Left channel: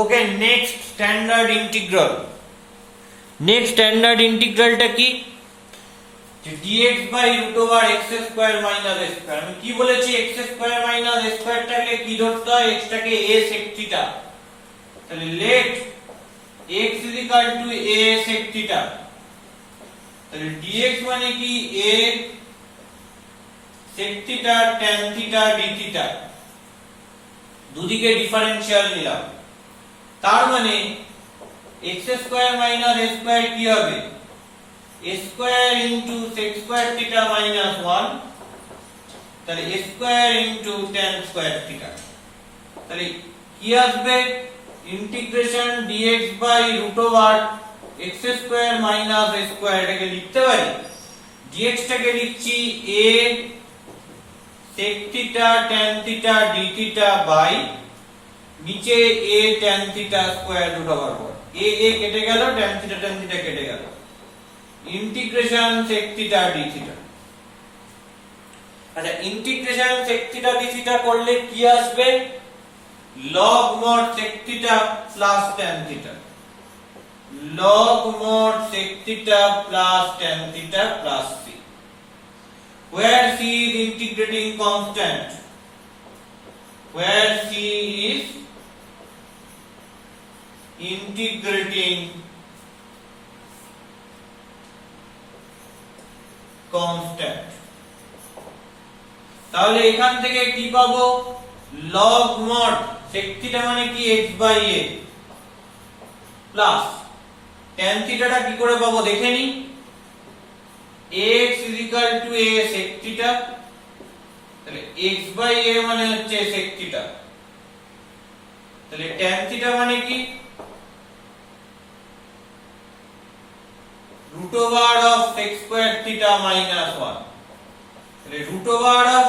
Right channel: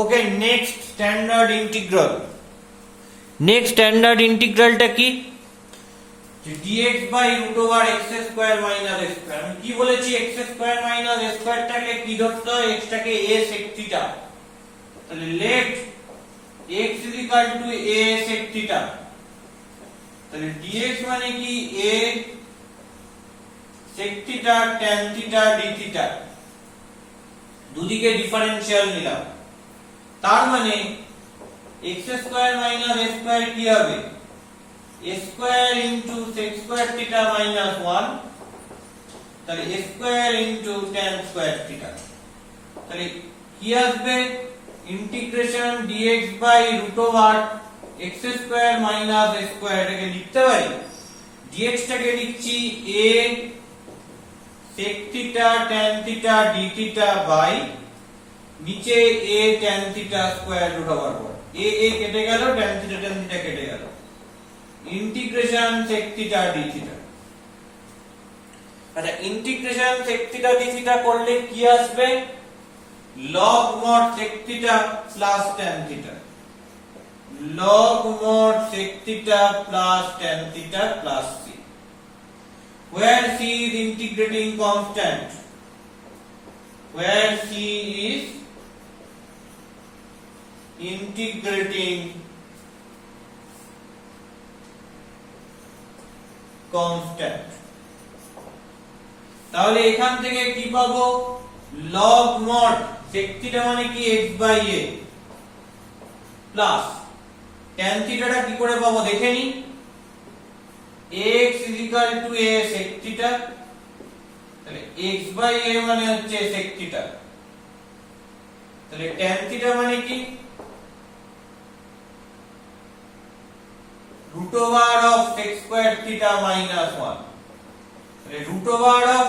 ওকে, next standard integral. Next standard ইন্টিগ্রালটা কি? dx by root over x square minus a square. আমি কি বলেছি? এক্স স্কয়ার মাইনাস এ স্কয়ারটাকে কি ধরতে হয়? এক্স টাকে a sec থিটা। তাহলে let x is equal to a sec theta. তাহলে dx মানে কি? a sec theta tan theta d theta. দুদিকে ডিফারেনশিয়াল নিলাম, তার মানে x square minus a square কি হবে? a square into sec square theta minus 1, তাহলে a square into tan square theta. তাহলে কি আসবে? Integration dx by root over x square minus a square. এটাকে লিখতে পারি, dx টাকে লিখছি a sec theta tan theta d theta by নিচে a tan theta square root over 4। a কেটে গেল, tan থিটা কেটে গেল, integration sec theta d theta. আচ্ছা, integration sec theta d theta করলে কি আসবে? log mod sec theta plus tan theta, log mod sec theta plus tan theta plus c, where c is integrating constant, where c is integrating constant। তাহলে এখান থেকে কি পাবো? log mod sec theta মানে কি? x by a plus tan থিটাটা কি করে পাবো দেখে নি? x is equal to a sec theta. তাহলে x বাই a মানে হচ্ছে sec থিটা। তাহলে tan থিটা মানে কি? root over of sec square theta minus 1। তাহলে root over of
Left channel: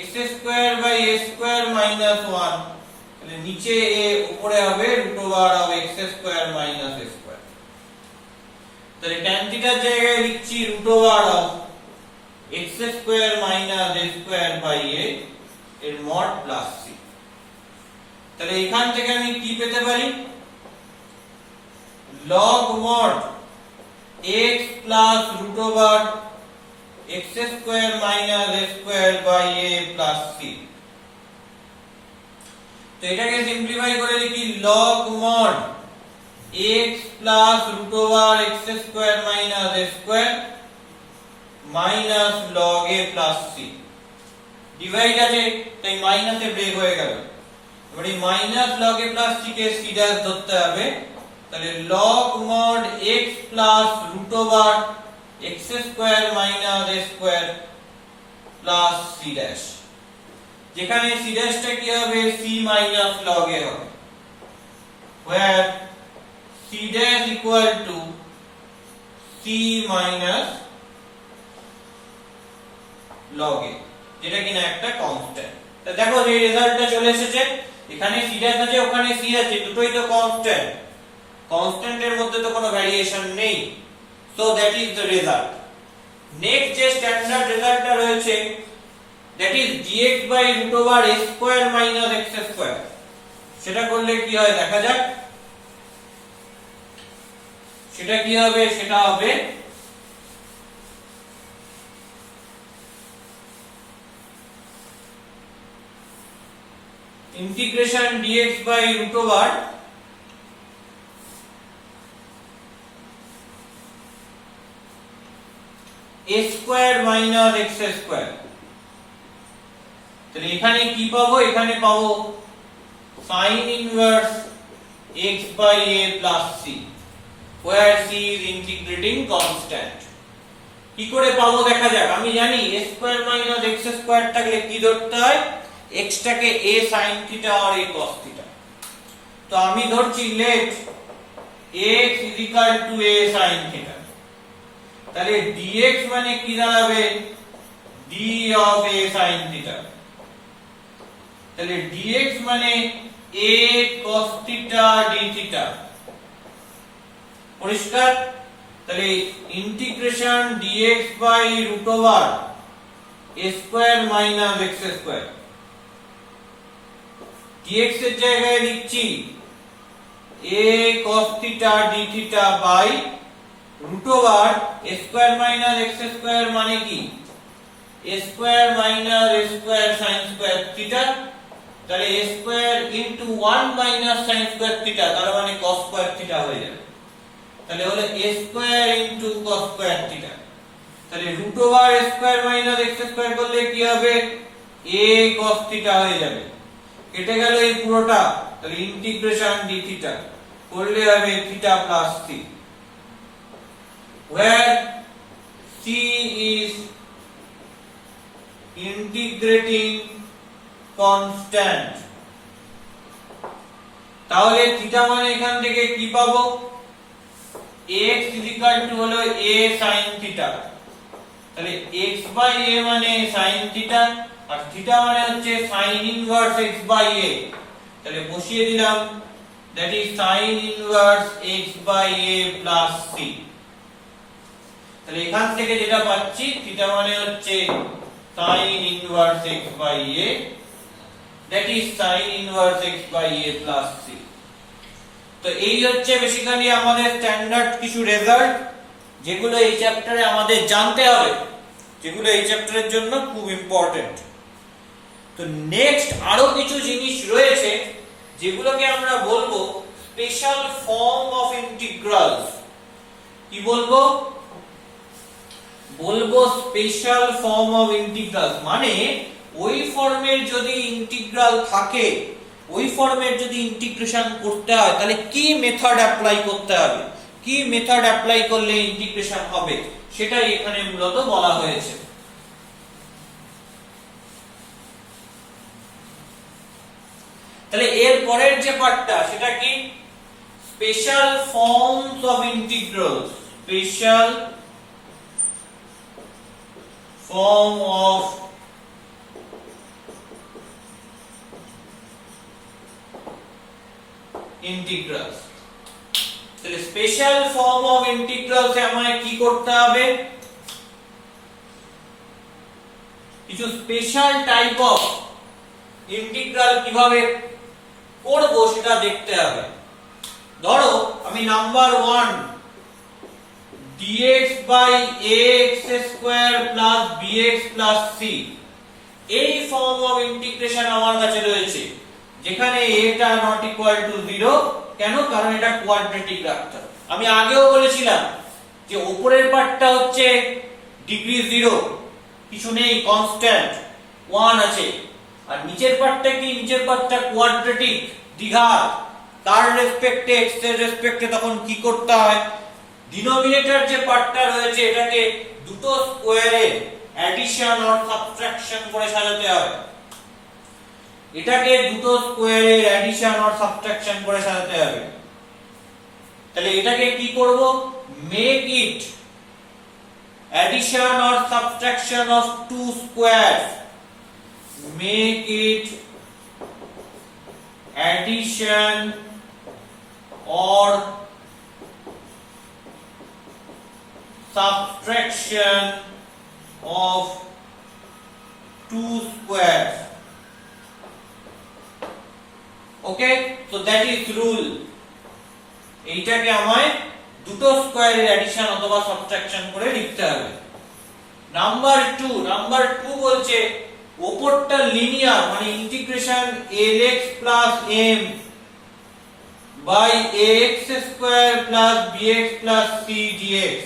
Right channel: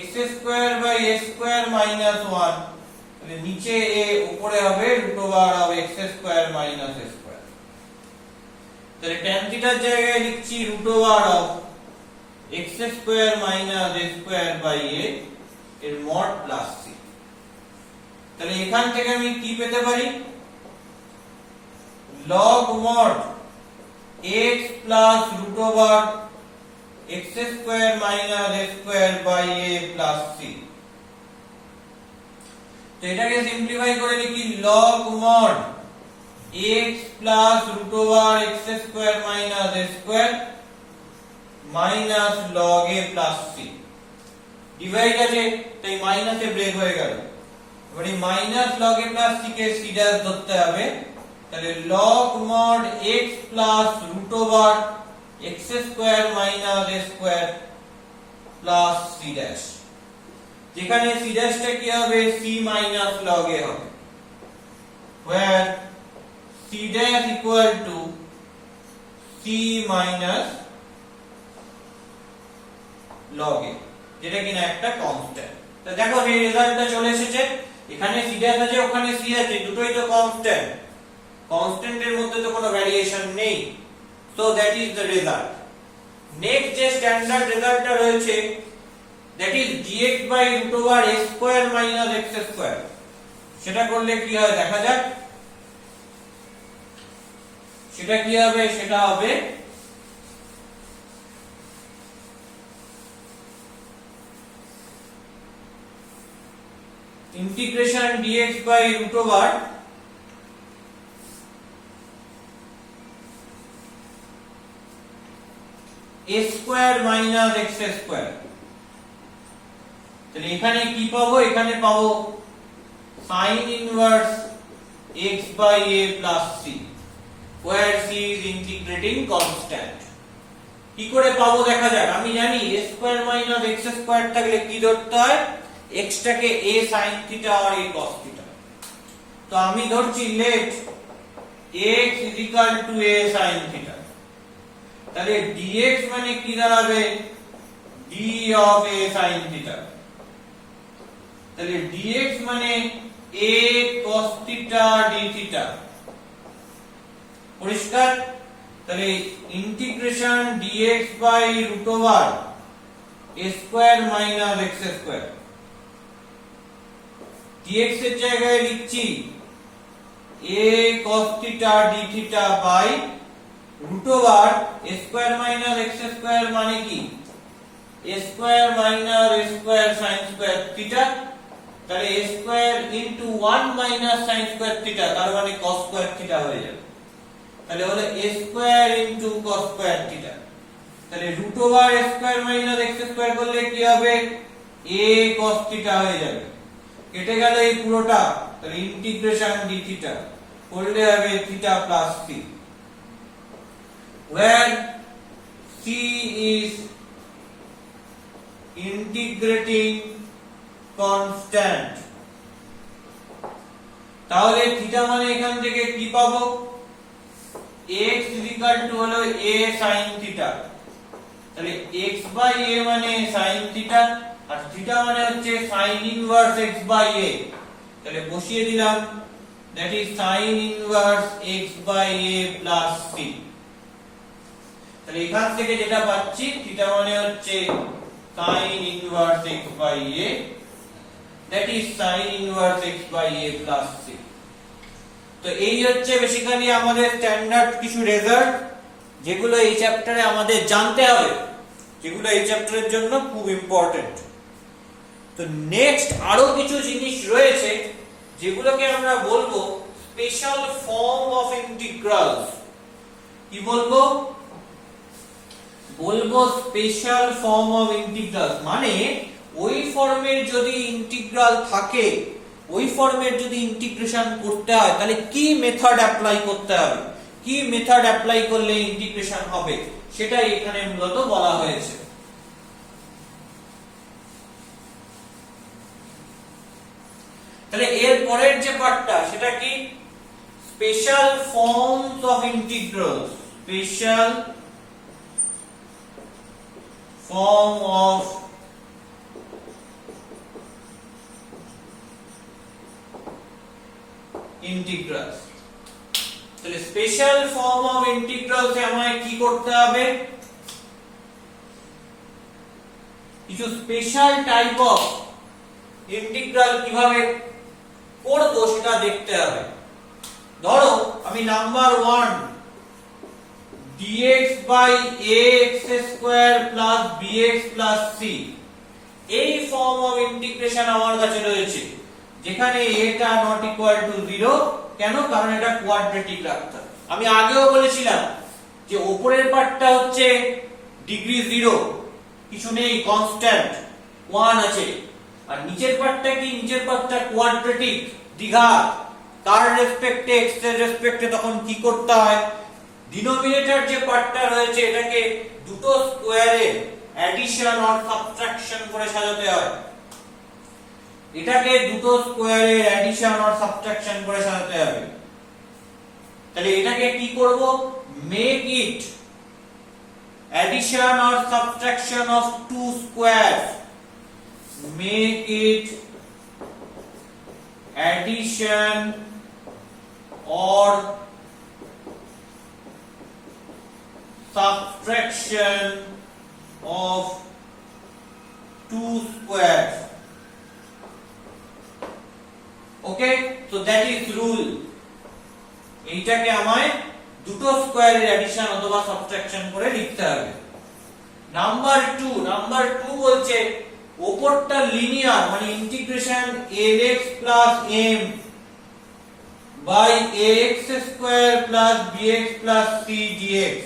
x square by a square minus 1। তাহলে নিচে a, উপরে হবে root over of x square minus a square। তাহলে tan theta এর জায়গায় লিখছি root over of x square minus a square by a এর mod plus c। তাহলে এখান থেকে আমি কি পেতে পারি? log mod x plus root over x square minus a square by a plus c। তো এটাকে সিম্পলিফাই করে লিখি log mod x plus root over x square minus a square minus log a plus c। Divide আছে তাই মাইনাসে break হয়ে গেল। এবার এই minus log a plus c K c dash ধরতে হবে। তাহলে log mod x plus root over x square minus a square plus c dash। যেখানে c dash টা কি হবে? c minus log a হবে, where c dash equal to c minus log a, যেটা কিনা একটা কনস্ট্যান্ট। তো দেখো এই রেজাল্টটা চলে এসেছে। এখানে c dash আছে, ওখানে c আছে, দুটোই তো কনস্ট্যান্ট। কনস্ট্যান্টের মধ্যে তো কোনো ভ্যারিয়েশন নেই। So that is the result. Next যে স্ট্যান্ডার্ড রেজাল্টটা রয়েছে, that is dx by root over a square minus x square. সেটা করলে কি হয় দেখা যাক। সেটা কি হবে? সেটা হবে integration dx by root over a square minus x square. তাহলে এখানে কি পাবো? এখানে পাবো sin inverse x by a plus c, where c is integrating constant। কি করে পাবো দেখা যাক। আমি জানি a square minus x square থাকলে কি ধরতে হয়? x টাকে a sin থিটা আর a cos থিটা। তো আমি ধরছি let x is equal to a sin theta. তাহলে dx মানে কি দাঁড়াবে? d of a sin theta. তাহলে dx মানে a cos theta d theta. পরিষ্কার? তাহলে integration dx by root over a square minus x square. dx এর জায়গায় লিখছি a cos theta d theta by root over a square minus x square মানে কি a square minus a square sin square theta, তাহলে a square into 1 minus sin square theta তার মানে cos square theta হয়ে যাবে, তাহলে হলো a square into cos square theta, তাহলে root over a square minus x square করলে কি হবে a cos theta হয়ে যাবে, কেটে গেল এই পুরোটা, তাহলে ইন্টিগ্রেশন d theta করলে হবে theta plus c, where c is integrating constant। তাহলে থিটা মানে এখান থেকে কি পাবো x হলো a sin theta, তাহলে x by a মানে sin theta আর থিটা মানে হচ্ছে sin inverse x by a, তাহলে বসিয়ে দিলাম that is sin inverse x by a plus c, তাহলে এখান থেকে যেটা পাচ্ছি থিটা মানে হচ্ছে sin inverse x by a, that is sin inverse x by a plus c। তো এই হচ্ছে বেসিক্যালি আমাদের স্ট্যান্ডার্ড কিছু রেজাল্ট যেগুলো এই চ্যাপ্টারে আমাদের জানতে হবে, যেগুলো এই চ্যাপ্টারের জন্য খুব ইম্পর্টেন্ট। তো নেক্সট আরো কিছু জিনিস রয়েছে যেগুলোকে আমরা বলবো স্পেশাল ফর্ম অফ ইন্টিগ্রালস। কি বলবো স্পেশাল ফর্ম অফ ইন্টিগ্রালস, মানে ওই ফর্মের যদি ইন্টিগ্রাল থাকে, ওই ফর্মের যদি ইন্টিগ্রেশন করতে হয় তাহলে কি মেথড অ্যাপ্লাই করতে হবে, কি মেথড অ্যাপ্লাই করলে ইন্টিগ্রেশন হবে সেটাই এখানে মূলত বলা হয়েছে। তাহলে এর পরের যে পার্টটা সেটা কি special forms of integrals, special form of integrals. তাহলে স্পেশাল ফর্ম অফ ইন্টিগ্রালস এ আমায় কি করতে হবে, কিছু স্পেশাল টাইপ অফ ইন্টিগ্রাল কিভাবে করব সেটা দেখতে হবে। ধরো আমি number 1 dx by ax square plus bx plus c এই ফর্ম অফ ইন্টিগ্রেশন আমার কাছে রয়েছে, যেখানে এটা নট ইকুয়াল টু 0, কেন, কারণ এটা কোয়াড্রেটিক রাখতে হবে। আমি আগেও বলেছিলাম যে উপরের পার্টটা হচ্ছে ডিগ্রি 0, কিছু নেই, কনস্ট্যান্ট 1 আছে, আর নিচের পার্টটা কি, নিচের পার্টটা কোয়াড্রেটিক, দ্বিঘাত, তার রেসপেক্টে x এর রেসপেক্টে তখন কি করতে হয়, ডিনোমিনেটর যে পার্টটা রয়েছে এটাকে দুটো স্কয়ারে অ্যাডিশন অর সাবট্রাকশন করে সাজাতে হবে, এটাকে দুটো স্কয়ারের অ্যাডিশন অর সাবট্রাকশন করে সাজাতে হবে। তাহলে এটাকে কি করব, make it addition or subtraction of two squares, make it addition or subtraction of two squares। Okay, so that is rule। এইটাকে আমায় দুটো স্কয়ারের অ্যাডিশন অথবা সাবট্রাকশন করে লিখতে হবে। নাম্বার 2 বলছে উপরটা লিনিয়ার, মানে integration lx plus m by ax square plus bx plus c dx।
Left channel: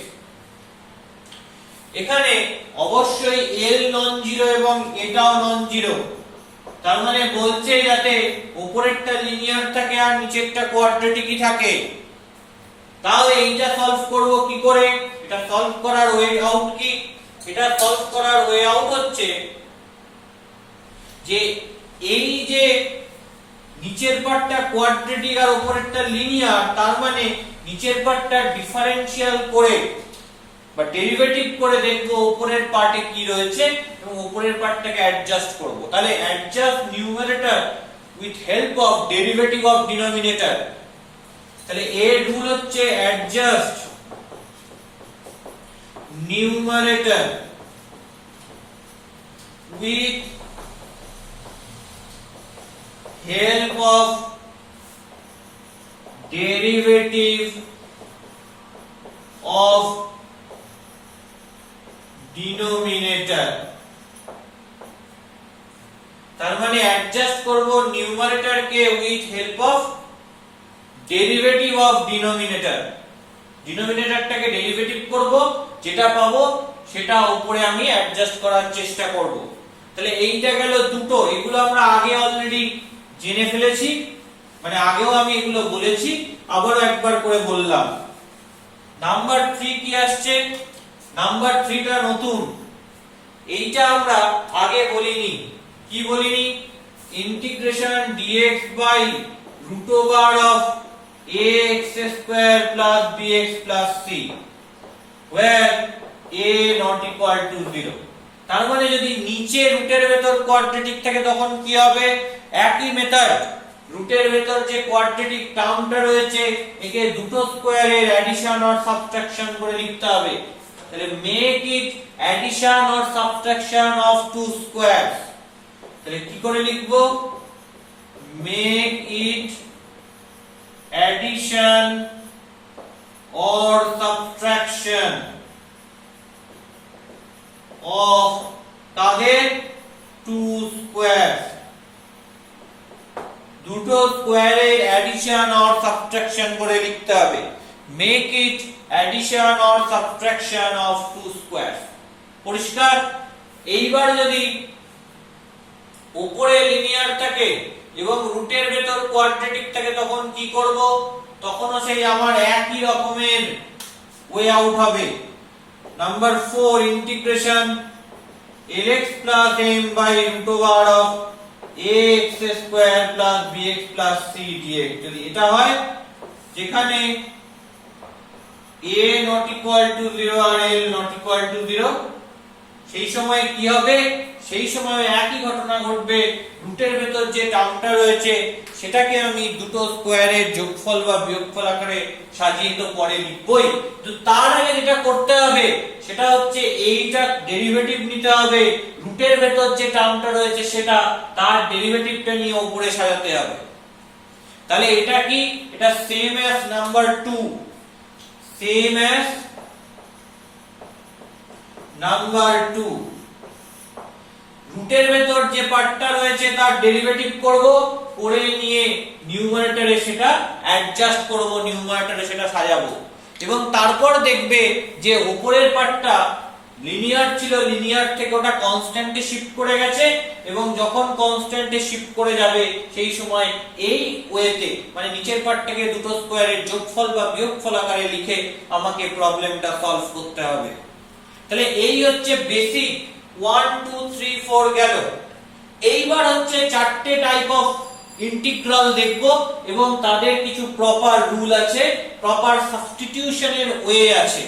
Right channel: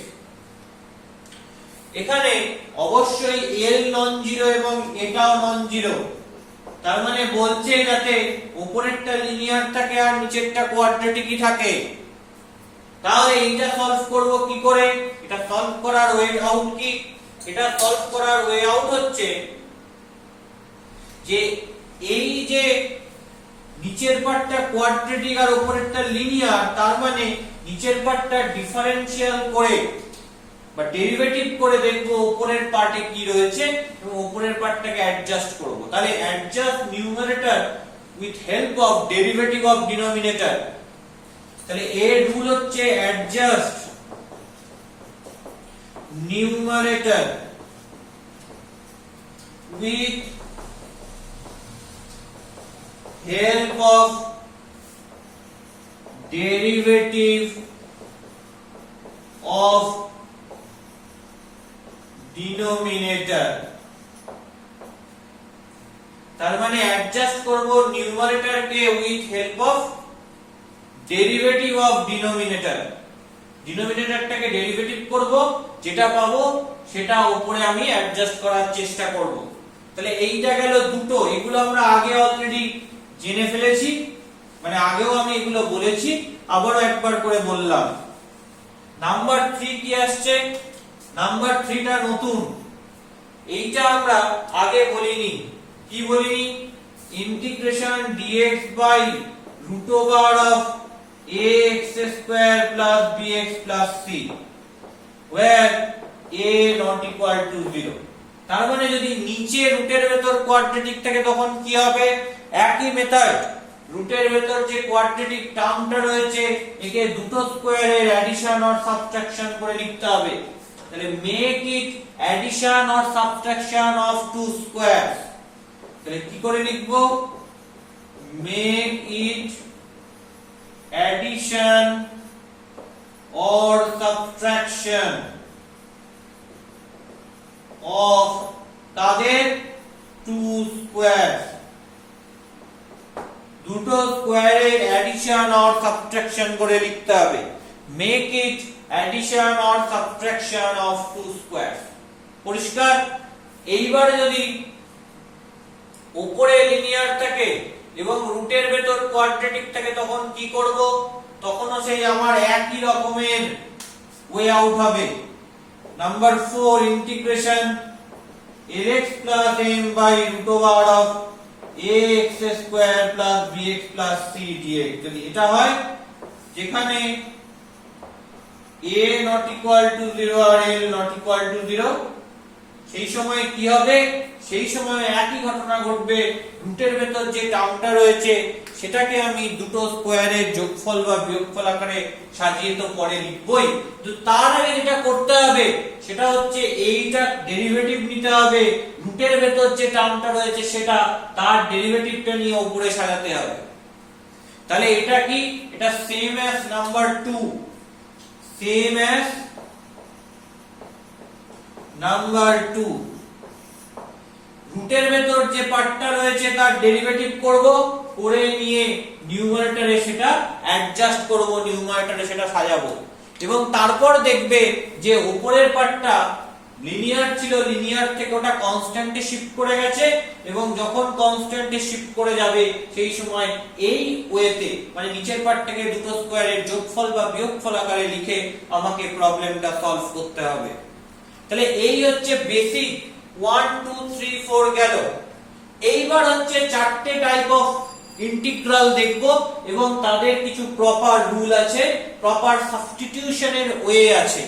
এখানে অবশ্যই l নন জিরো এবং এটাও নন জিরো, তার মানে বলছে যাতে উপরেরটা লিনিয়ার থাকে আর নিচেরটা কোয়াড্রেটিকই থাকে। তাহলে এইটা সলভ করব কি করে, এটা সলভ করার ওয়ে আউট কি, এটা সলভ করার ওয়ে আউট হচ্ছে যে এই যে নিচের পার্টটা কোয়াড্রেটিক আর উপরেরটা লিনিয়ার, তার মানে নিচের পার্টটা ডিফারেনশিয়াল করে বা ডেরিভেটিভ করে দেখবো উপরের পার্টে কি রয়েছে এবং উপরের পার্টটাকে অ্যাডজাস্ট করব। তাহলে adjust numerator with help of derivative of denominator. তাহলে এর রুল হচ্ছে adjust numerator with help of derivative of denominator, তার মানে অ্যাডজাস্ট করব নিউমারেটর কে with help of derivative of denominator. ডিনোমিনেটরটাকে ডেরিভেটিভ করব, যেটা পাবো সেটা উপরে আমি অ্যাডজাস্ট করার চেষ্টা করব। তাহলে এইটা গেল দুটো, এগুলো আমরা আগে অলরেডি জেনে ফেলেছি, মানে আগেও আমি এগুলো বলেছি, আবারও একবার করে বললাম। নাম্বার 3 কি আসছে? নাম্বার 3 টা নতুন, এইটা আমরা আগে বলিনি। কি বলিনি? Integration dx by root over of ax square plus bx plus c where a not equal to 0। তার মানে যদি নিচে রুটের ভেতর কোয়াড্রেটিক থাকে তখন কি হবে? একই মেথড, রুটের ভেতর যে কোয়াড্রেটিক টার্মটা রয়েছে একে দুটো স্কয়ারের অ্যাডিশন অর সাবট্রাকশন করে লিখতে হবে। তাহলে make it addition or subtraction of two squares. তাহলে কি করে লিখব? Make it addition or subtraction of তাদের টু স্কয়ারস, দুটো স্কয়ারের অ্যাডিশন অর সাবট্রাকশন করে লিখতে হবে। Make it addition or subtraction of two squares. পরিষ্কার? এইবার যদি উপরে লিনিয়ার থাকে এবং রুটের ভেতর কোয়াড্রেটিক থাকে তখন কি করব? তখনও সেই আমার একই রকমের ওয়ে আউট হবে। Number 4 integration lx plus m by root over of ax square plus bx plus c dx। যদি এটা হয় যেখানে a not equal to 0 R l not equal to 0, সেই সময় কি হবে? সেই সময় একই ঘটনা ঘটবে, রুটের ভেতর যে টার্মটা রয়েছে সেটাকে আমি দুটো স্কয়ারের যোগফল বা বিয়োগফল আকারে সাজিয়ে তো পরে লিখবই, তো তার আগে যেটা করতে হবে সেটা হচ্ছে এইটা ডেরিভেটিভ নিতে হবে, রুটের ভেতর যে টার্মটা রয়েছে সেটা তার ডেরিভেটিভটা নিয়ে উপরে সাজাতে হবে। তাহলে এটা কি? এটা same as number 2, same as number 2। রুটের ভেতর যে পার্টটা রয়েছে তার ডেরিভেটিভ করব, করে নিয়ে নিউমারেটরে সেটা অ্যাডজাস্ট করব, নিউমারেটরে সেটা সাজাবো, এবং তারপর দেখবে যে উপরের পার্টটা লিনিয়ার ছিল, লিনিয়ার থেকে ওটা কনস্ট্যান্টে শিফট করে গেছে, এবং যখন কনস্ট্যান্টে শিফট করে যাবে সেই সময় এই ওয়েতে মানে নিচের পার্ট থেকে দুটো স্কয়ারের যোগফল বা বিয়োগফল আকারে লিখে আমাকে প্রবলেমটা সলভ করতে হবে। তাহলে এই হচ্ছে বেসিক 1 2 3 4 গেল। এইবার হচ্ছে চারটে টাইপ অফ ইন্টিগ্রাল দেখব এবং তাদের কিছু প্রপার রুল আছে, প্রপার সাবস্টিটিউশনের ওয়ে আছে।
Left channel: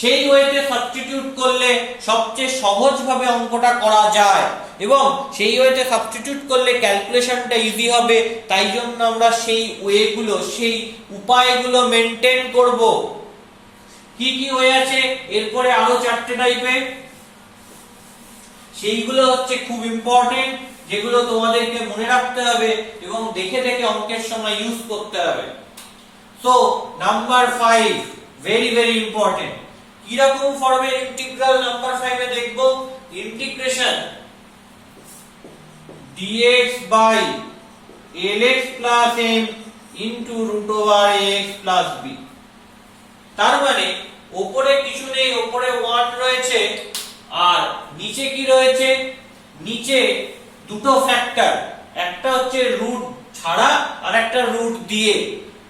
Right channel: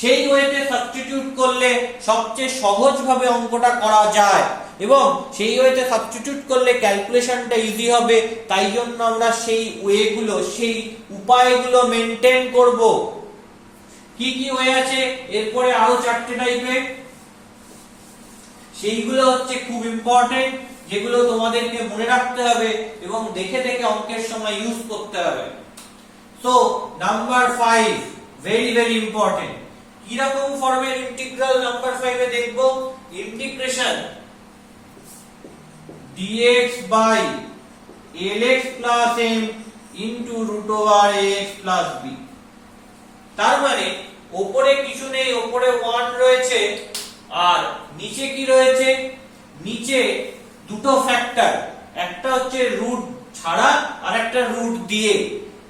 সেই ওয়েতে সাবস্টিটিউট করলে সবচেয়ে সহজভাবে অঙ্কটা করা যায় এবং সেই ওয়েতে সাবস্টিটিউট করলে ক্যালকুলেশনটা ইজি হবে। তাই জন্য আমরা সেই ওয়েগুলো, সেই উপায়গুলো মেনটেন করব। কি কি ওয়ে আছে? এরপরে আরো চারটে টাইপের, সেইগুলো হচ্ছে খুব ইম্পর্টেন্ট, যেগুলো তোমাদেরকে মনে রাখতে হবে এবং দেখে দেখে অঙ্কের সময় ইউজ করতে হবে। So number 5 very very important. কি রকম ফর্মের ইন্টিগ্রাল নাম্বার 5 এ দেখব? Integration dx by lx plus m into root over ax plus b। তার মানে উপরে কিছু নেই, উপরে 1 রয়েছে আর নিচে কি রয়েছে? নিচে দুটো ফ্যাক্টর, একটা হচ্ছে রুট ছাড়া আর একটা রুট দিয়ে।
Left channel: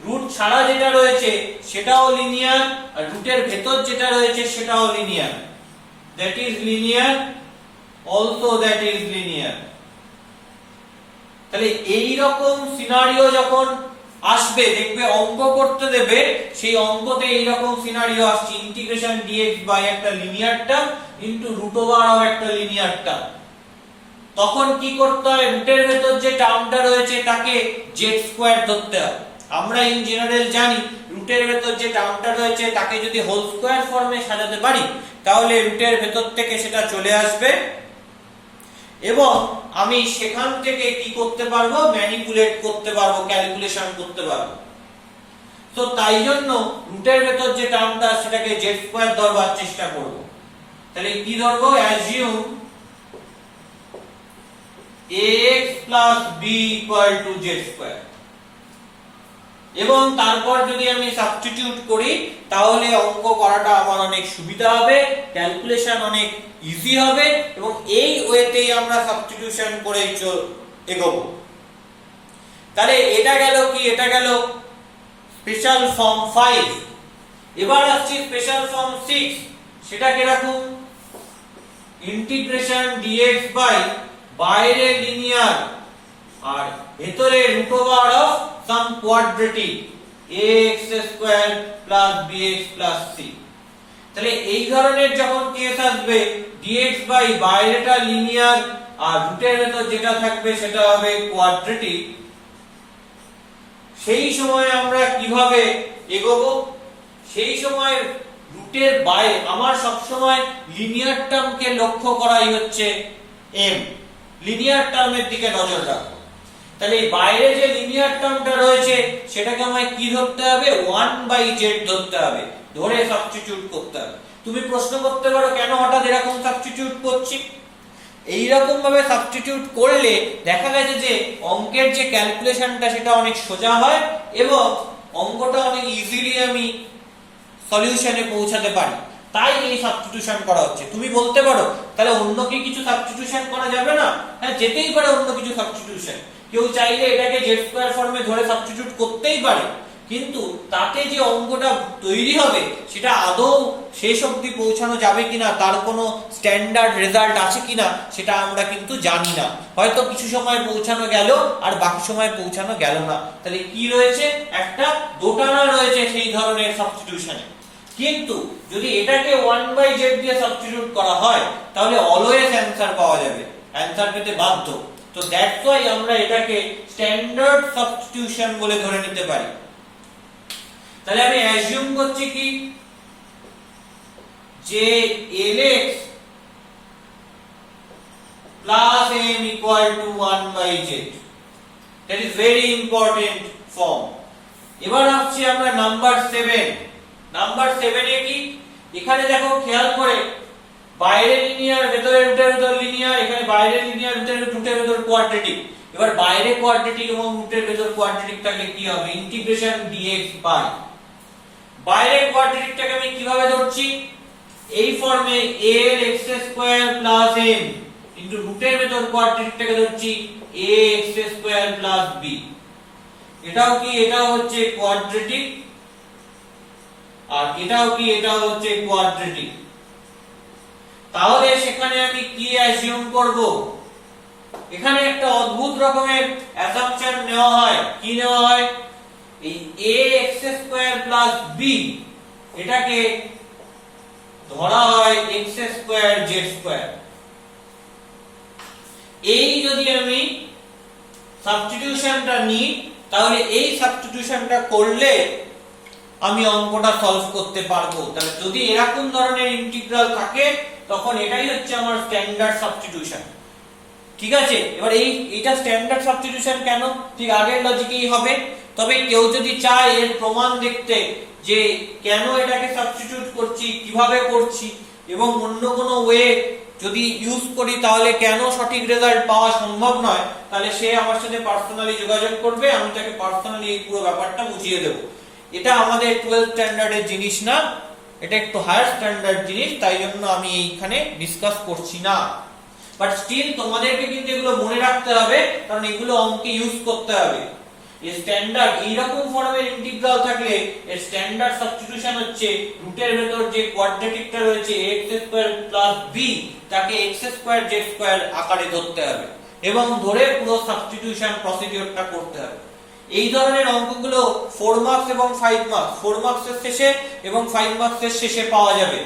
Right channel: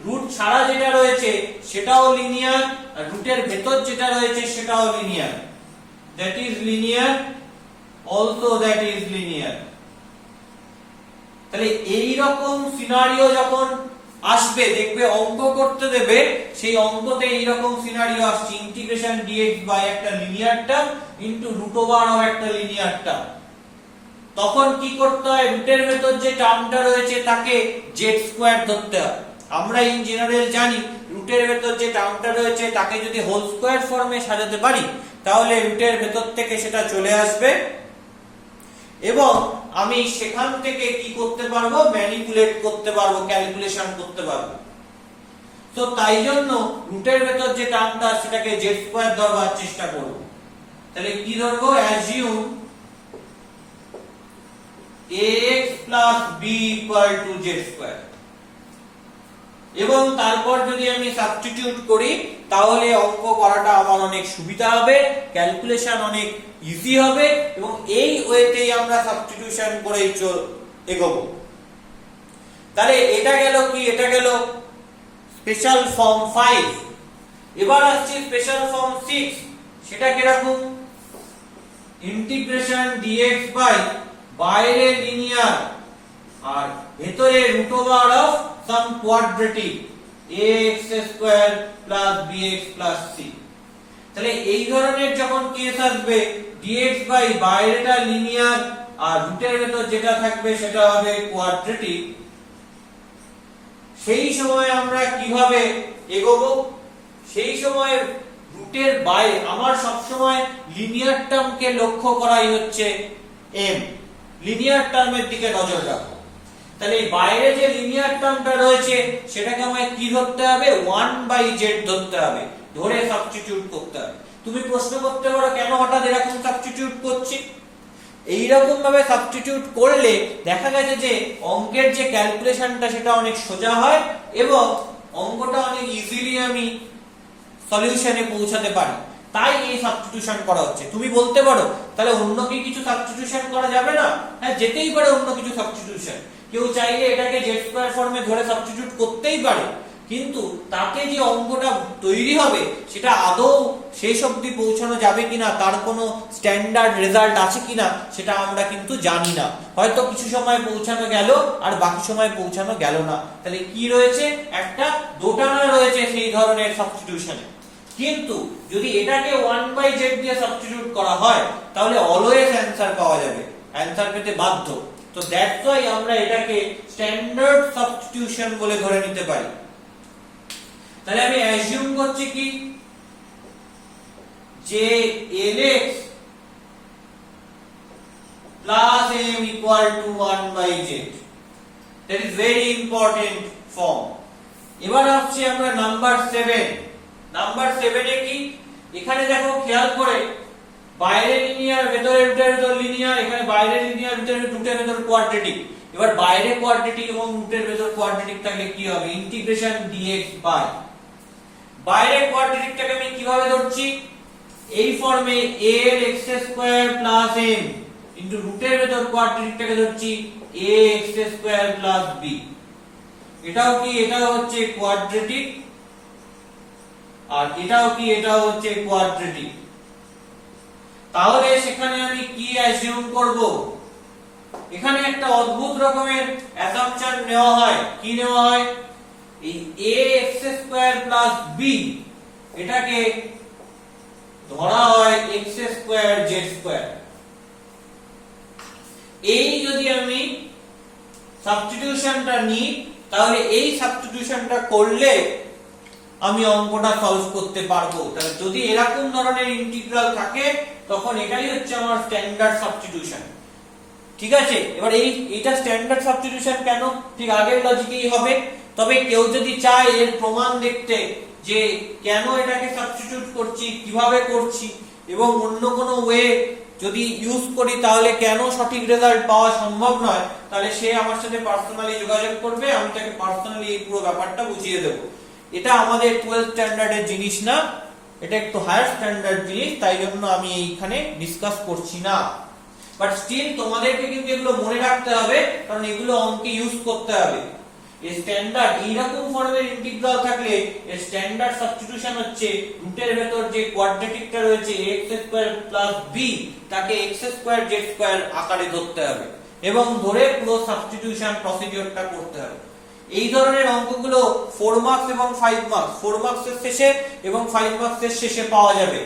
রুট ছাড়া যেটা রয়েছে সেটাও লিনিয়ার আর রুটের ভেতর যেটা রয়েছে সেটাও linear. That is linear, also that is linear. তাহলে এই রকম সিনারিও যখন আসবে, দেখবে অঙ্ক করতে দেবে, সেই অঙ্কতে এই রকম সিনারিও আসছে, ইন্টিগ্রেশন dx বাই একটা linear term into root over of একটা লিনিয়ার টার্ম। তখন কি করতে হয়? রুটের ভেতর যে টার্মটা রয়েছে তাকে z স্কয়ার ধরতে হয়। আমরা ইন জেনারেল জানি রুটের ভেতর যে টার্মটা রয়েছে তাকে যদি হোল স্কয়ার ফর্মে সাজাতে পারি তাহলে রুটের ভেতর থেকে সেটা চলে আসবে এবং আমি সেখান থেকে কি করতে পারবো, ম্যানিপুলেট করতে পারবো, ক্যালকুলেশন করতে পারবো। তো তাই জন্য রুটের ভেতর যে টার্মটা সেটাকে জেড স্কয়ার ধরবার চেষ্টা করব। তাহলে কি ধরবো, assume ax plus b equal to z square, এবং তারপর যদি আমি সাবস্টিটিউট করি তাহলে অঙ্ক করাটা আমার অনেক সুবিধা হবে, ক্যালকুলেশন অনেক ইজি হবে, এবং এই ওয়েতেই আমরা সাবস্টিটিউশন করে এগোবো। তাহলে এটা গেল কি, এটা গেল স্পেশাল ফর্ম 5। এবার আসছে স্পেশাল ফর্ম 6। সেটা কিরকম, ইন্টিগ্রেশন dx বাই বাইরে লিনিয়ার আর ভেতরে root over of some quadratic ax square plus bx plus c। তাহলে এই ধরনের যখন কেস আসবে, dx বাই বাইরেটা লিনিয়ার আর রুটের ভেতর যেটা থাকবে সেটা হবে কোয়াড্রেটিক, সেই সময় আমরা কিভাবে এগোবো, সেই সময় রুটের বাইরে আমার সব সময় লিনিয়ার টার্মকে লক্ষ্য করাই হচ্ছে এম, লিনিয়ার টার্মের দিকে নজর রাখো। তাহলে এই বাইরে যে লিনিয়ার টার্মটা রয়েছে সেটাকে আমায় কি ধরতে হবে, 1/z ধরতে হবে, ধরে সাবস্টিটিউট করতে হবে। তুমি প্রশ্ন করতে পারো কেন হঠাৎ এরকম সাবস্টিটিউট করছি। এইরকম ভাবে সাবস্টিটিউট করলে দেখা গেছে যে অঙ্কের যে ক্যালকুলেশনটা সেটা অনেক সোজা হয় এবং অঙ্কটা অনেক ইজিলি আমি সলিউশনে পৌঁছাতে পারি, তাই এই সাবস্টিটিউশন করা হচ্ছে। তুমি বলতে পারো তাহলে অন্য কি কিছু সাবস্টিটিউশন করা যাবে না? হ্যাঁ, যেতেই পারে অন্য কিছু সাবস্টিটিউশন। কেউ চাইলে এটাকে জেড স্কয়ার ফর্মে ধরে সাবস্টিটিউট করতেই পারে, কিন্তু তাতে যে অঙ্কটা তৈরি হবে সেটা আদৌ শেষ অবধি পৌঁছানো যাবে কিনা, তার কোনো স্ট্যান্ডার্ড রেজাল্ট আছে কিনা সেটা আমরা কিন্তু জানি না। হয়তো কিছু সময় পৌঁছানো গেল আর বাকি সময় পৌঁছানো গেল না। তাহলে কি রয়েছে, একটা দোটানা রয়েছে সেই ধরনের সাবস্টিটিউশনে। কিন্তু যদি এটাকে 1/z দিয়ে সাবস্টিটিউট করা হয় তাহলে অলওয়েজ অ্যানসার পাওয়া যাবে, অ্যানসার পেতে বাধ্য। তো দ্যাটস ওয়াই আমরা এটাকে স্ট্যান্ডার্ড সাবস্টিটিউশন বলে ধরে নিতে পারি। তাহলে আমি অ্যাজিউম করছি কি, যে lx plus m equal to 1/z, that is very important form। এবার আসছি আমরা নাম্বার 7। নাম্বার 7 এ কি, এখানে দেখো খেয়াল করে বাইরে লিনিয়ার ভেতরে রুটের ভেতর লিনিয়ার, এখানে বাইরে লিনিয়ার ভেতরে রুটের ভেতর কোয়াড্রেটিক। এবার বাইরে কোয়াড্রেটিক এবং রুটের ভেতর কোয়াড্রেটিক থাকলে কি হবে, ইন্টিগ্রেশন dx বাই বাইরে কোয়াড্রেটিকটাকে আমি কিভাবে ধরছি, এই ফর্মে a এর x square plus m into রুটের ভেতর কোয়াড্রেটিকটাকে ধরছি ax স্কয়ার প্লাস b। এটাও কি, এটাও হচ্ছে কোয়াড্রেটিক, আর এটাও কি, এটাও হচ্ছে কোয়াড্রেটিক। তাহলে সেখানে আমি কি অ্যাজিউম করব, এখানে একটা অদ্ভুত রকমের অ্যাসাম্পশন নেওয়া হয়। কি নেওয়া হয়, এই ax স্কয়ার প্লাস b এটাকে ধরা হয় x স্কয়ার z স্কয়ার। এই যদি আমি সাবস্টিটিউশনটা নিই তাহলে এই সাবস্টিটিউশনটা করলে আমি অঙ্কটা সলভ করতে পারবো। তাহলে যদি এরকম ধরনের ইন্টিগ্রাল থাকে তখন এটাই হচ্ছে আমার স্ট্যান্ডার্ড সাবস্টিটিউশন। ঠিক আছে, এবার এইটা স্ট্যান্ডার্ড সাবস্টিটিউশন কেন, ঠিক আগের লজিকেই হবে। তবে কেউ যদি চায় এর প্রমাণ দেখতে যে কেন এটাকে সাবস্টিটিউট করছি, কিভাবে করছি এবং অন্য কোনো ওয়ে যদি ইউজ করি তাহলে কেন সঠিক রেজাল্ট পাওয়া সম্ভব নয়, তাহলে সে আমার সাথে পার্সোনালি যোগাযোগ করবে, আমি তাকে পার্সোনালি এই পুরো ব্যাপারটা বুঝিয়ে দেবো। এটা আমাদের 12th স্ট্যান্ডার্ডের জিনিস না, এটা একটু হায়ার স্ট্যান্ডার্ড জিনিস, তাই জন্য আমি এইখানে ডিসকাস করছি না। বাট স্টিল তোমাদেরকে কিন্তু এগুলো মনে রাখতে হবে, কারণ এগুলো অঙ্কে ইউজ করতে হবে। এই স্ট্যান্ডার্ড এইরকম ফর্মের ইন্টিগ্রাল থাকলে এর স্ট্যান্ডার্ড সাবস্টিটিউশন হচ্ছে রুটের ভেতর যে কোয়াড্রেটিকটা রয়েছে x স্কয়ার প্লাস b তাকে x স্কয়ার z স্কয়ার আকারে ধরতে হবে এবং ধরে পুরো সাবস্টিটিউশন প্রসিডিউরটা করতে হবে। এই ধরনের অঙ্কগুলো 4 মার্কস এবং 5 মার্কস, 4 মার্কসের শেষে এবং 5 মার্কসের শেষে পাওয়া যাবে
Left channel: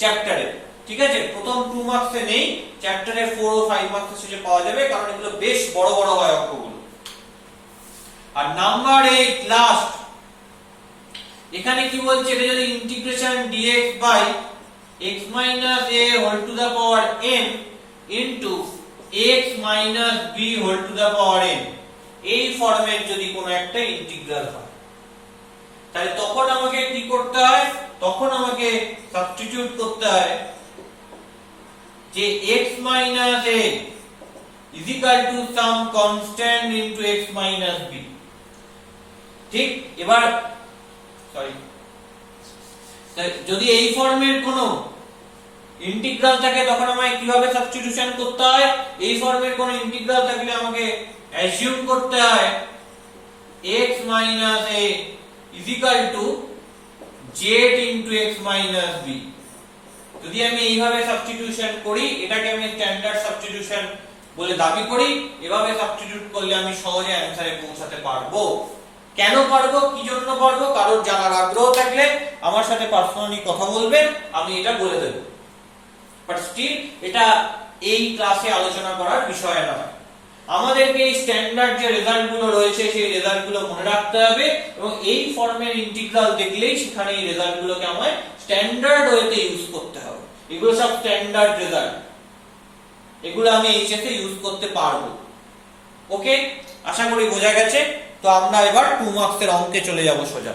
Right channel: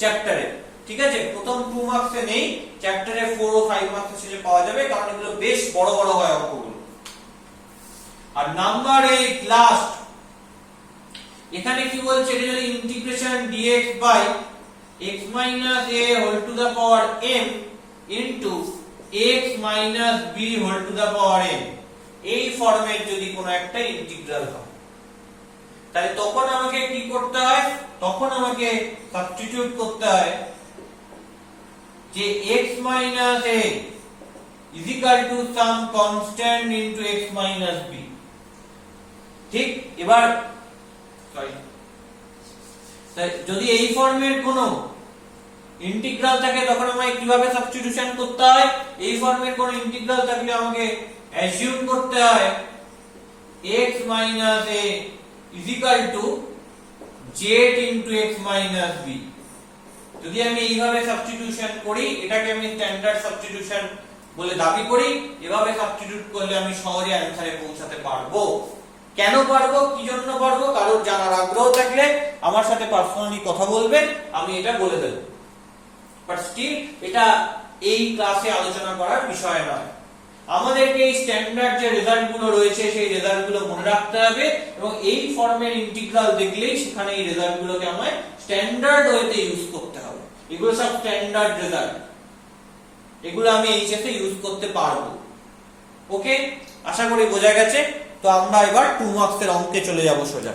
চ্যাপ্টারে। ঠিক আছে, প্রথম 2 মার্কসে নেই, চ্যাপ্টারে 4 ও 5 মার্কসের শেষে পাওয়া যাবে, কারণ এগুলো বেশ বড় বড় হয় অঙ্কগুলো। আর নাম্বার 8 লাস্ট, এখানে কি বলছে, এটা যদি integration dx by x minus a whole to the power n into x minus b whole to the power n এই ফর্মের যদি কোনো একটা ইন্টিগ্রাল হয়, তাহলে তখন আমাকে কি করতে হয়? তখন আমাকে সাবস্টিটিউট করতে হয় যে x minus a is equal to some constant into x minus b। ঠিক, এবার সরি, যদি এই ফর্মের কোনো ইন্টিগ্রাল থাকে তখন আমাকে কিভাবে সাবস্টিটিউশন করতে হয়? এই ফর্মের কোনো ইন্টিগ্রাল থাকলে আমাকে অ্যাজিউম করতে হয় x minus a is equal to z into x minus b। যদি আমি এইভাবে সাবস্টিটিউশন করি, এটাকে আমি স্ট্যান্ডার্ড সাবস্টিটিউশন বলে দাবি করি, এভাবে সাবস্টিটিউট করলে আমি সহজে অ্যানসারে পৌঁছাতে পারবো। কেন পারবো, কি জন্য পারবো, কারণ জানার আগ্রহ থাকলে আমার সাথে পার্সোনালি কথা বলবেন, আমি এটা বলে দেব। বাট স্টিল এটা এই ক্লাসে আলোচনা করার বিষয় নয়। আমাদেরকে এই স্ট্যান্ডার্ড যে রেজাল্ট গুলো রয়েছে সেই রেজাল্ট গুলো মনে রাখতে হবে, এবং এই ফর্মের ইন্টিগ্রাল দেখলেই সেখানে এই রেজাল্ট গুলোকে আমায় স্ট্যান্ডার্ড ওয়েতে ইউজ করতে হবে। এগুলো সব স্ট্যান্ডার্ড রেজাল্ট, এগুলো আমি এইচএস এ ইউজ করতে পারবো। ওকে, আশা করি বোঝা গেছে। তো আমরা এবার 2 মার্কসের অঙ্কে চলে যাব সোজা।